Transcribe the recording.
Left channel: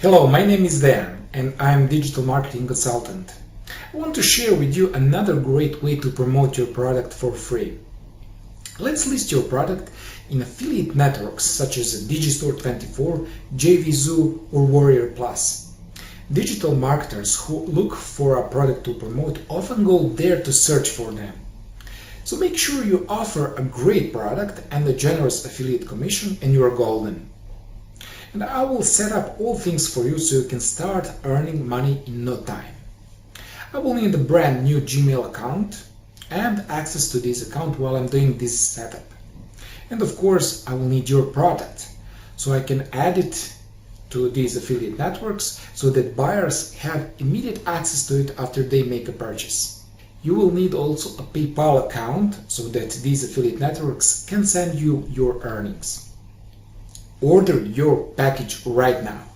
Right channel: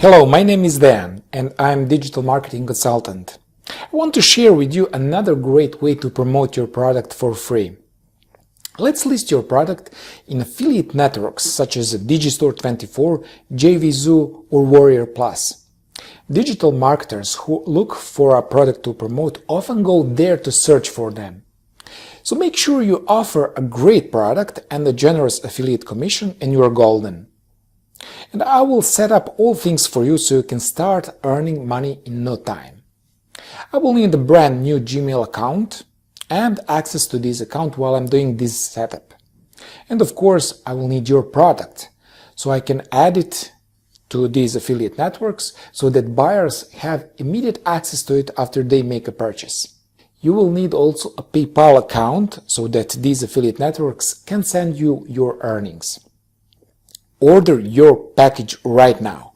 Hello, my name is Dan and I'm digital marketing consultant. I want to share with you another great way to promote your product for free. Let's list your product in affiliate networks such as Digistore24, JVZoo or Warrior Plus. Digital marketers who look for a product to promote often go there to search for them. So make sure you offer a great product and a generous affiliate commission and you are golden. And I will set up all things for you so you can start earning money in no time. I will need a brand new Gmail account and access to this account while I'm doing this setup. And of course, I will need your product so I can add it to these affiliate networks so that buyers have immediate access to it after they make a purchase. You will need also a PayPal account so that these affiliate networks can send you your earnings. Order your package right now.